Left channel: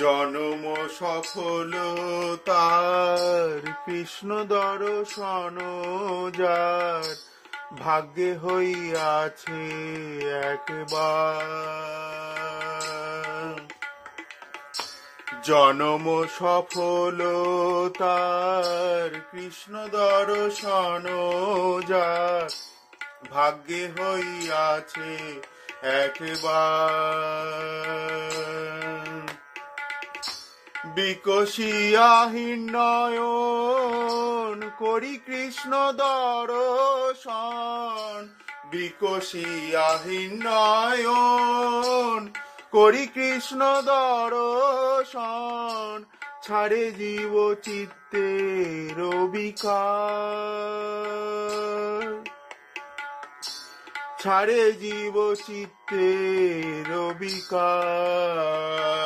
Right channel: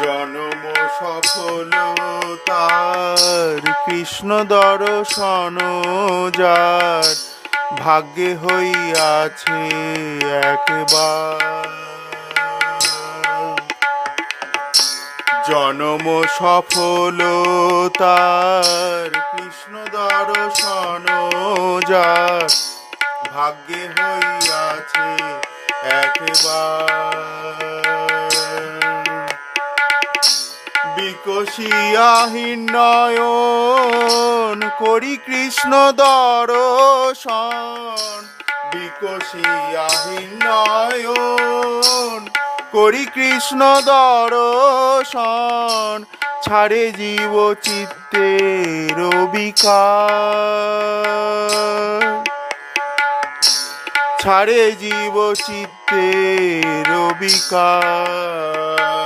জনম সফলতার কৃষ্ণ দর্শন যার ভাগ্যে হইয়াছে একবার। জনম সফলতার কৃষ্ণ দর্শন যার ভাগ্যে হইয়াছে একবার। বিকশিয়াহীন নয়ন করি কৃষ্ণ দর্শন, বিকশিয়াহীন নয়ন করি কৃষ্ণ দর্শন, ছাড়ে জীব চিত্তের বিকার, ছাড়ে জীব চিত্তের বিকার।